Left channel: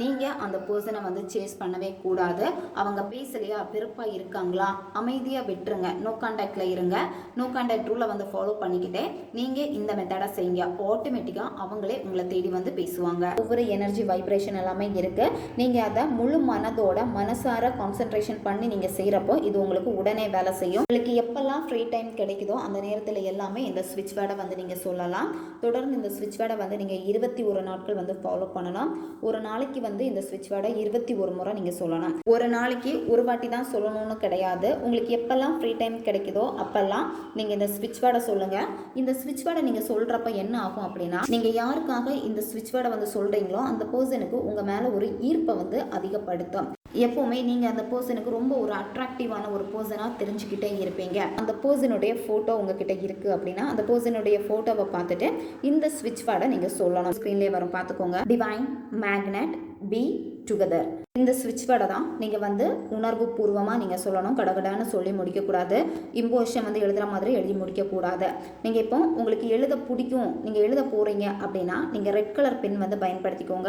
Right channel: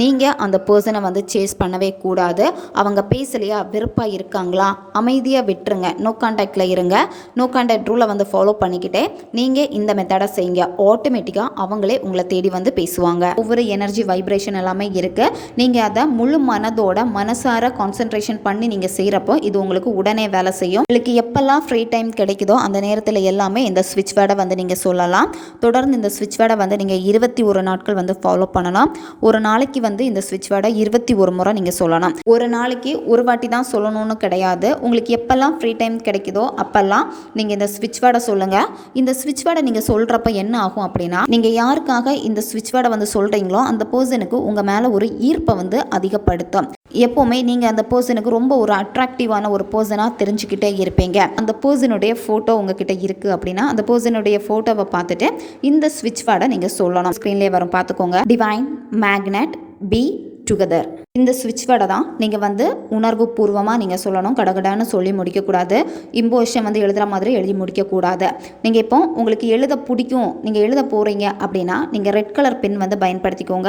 நீங்கள் அந்த பர்சனை வந்து சேஸ் பண்ணவே கூடாது. அவங்க பேசலையா, வெறுப்பாக இருக்காங்களா, அமைதியாக விட்டுருங்க. நோ கான்டாக்டில் இருங்க. நோ கான்டாக்ட் ரூலை வந்து ஃபாலோ பண்ணிக்கிட்டே நீங்கள் இந்த மெத்தடை செய்யுங்க. ஆட்டோமேட்டிக்காக அவங்களே உங்களை தேடி வந்து பேசுவாங்க. ஒவ்வொரு எனர்ஜி வைப்ரேஷன் எல்லாமே இருக்குது. நீங்கள் அதை முழு மனதோட மனசார கான்சென்ட்ரேஷன் பண்ணி நீங்கள் செய்கிறப்போ இது உங்களுக்கு உடனே வேலை செய்யும். உங்களுக்கு எப்பெல்லாம் ஃப்ரீ டைம் கிடைக்குதோ அந்த நேரத்தில் எல்லாமே இந்த ஸ்விட்ச் வேர்டை வந்து நீங்கள் சொல்லலாம். தொடர்ந்து இந்த ஸ்விட்ச் வேர்டை வந்து நீங்கள் 21 நாட்கள் வந்து ஃபாலோ பண்ணணும். ஒரு நாளைக்கு வந்து இந்த ஸ்விட்ச் வேர்டை 21 முறை நீங்கள் சொல்லணும். ஒரு நாளைக்கு ஒரு வாட்டி தான் சொல்லணும்னு கிடையாது. உங்களுக்கு எப்பெல்லாம் ஃப்ரீ டைம் கிடைக்குதோ அப்பெல்லாம் நீங்கள் இந்த ஸ்விட்ச் வேர்டை சொல்லுங்கள். இந்த ஸ்விட்ச் வேர்டை நீங்கள் சொல்கிறப்ப என்ன ஆகும் அப்படின்னா, நீங்கள் யாருக்காக இந்த ஸ்விட்ச் வேர்டை வந்து சொல்கிறீங்களோ அந்த பர்சனுக்கு உங்கள் மேலே ஒரு ஈர்ப்பை வந்து அதிகப்படுத்தும். எப்போவுமே நீங்கள் அந்த பர்சனுக்கு ரொம்ப ஒரு அட்ராக்டிவான ஒரு பர்சனாக தெரிஞ்சுக்கிட்டே இருப்பீங்க. அந்த பர்சனுடைய ஃபோட்டோ உங்ககிட்ட இருக்குது அப்படின்னா அந்த பர்சனுடைய ஃபோட்டோவை பார்த்துட்டு இந்த ஸ்விட்ச் வேர்டை நீங்கள் சொல்லணும். ஸ்க்ரீன்லேயே வரும், பார்த்துக்கோங்க. Divine magnet be together. இந்த ஸ்விட்ச் வேர்டை தான் நீங்கள் வந்து உணர்வு பூர்வமாக நீங்கள் சொல்லணும். கடகடான்னு சொல்லி முடிக்கக்கூடாது. இம்போஷன் வந்து எழுதுகிற மாதிரி எழுதி முடிக்கக்கூடாது. நீங்கள் இப்போ உங்களுக்கு எழுத பிடிக்கும், நீங்கள் எழுத போகிறீங்க அப்படின்னா நீங்கள் ரெட் கலர் பென் வந்து பயன்படுத்திக்கோங்க.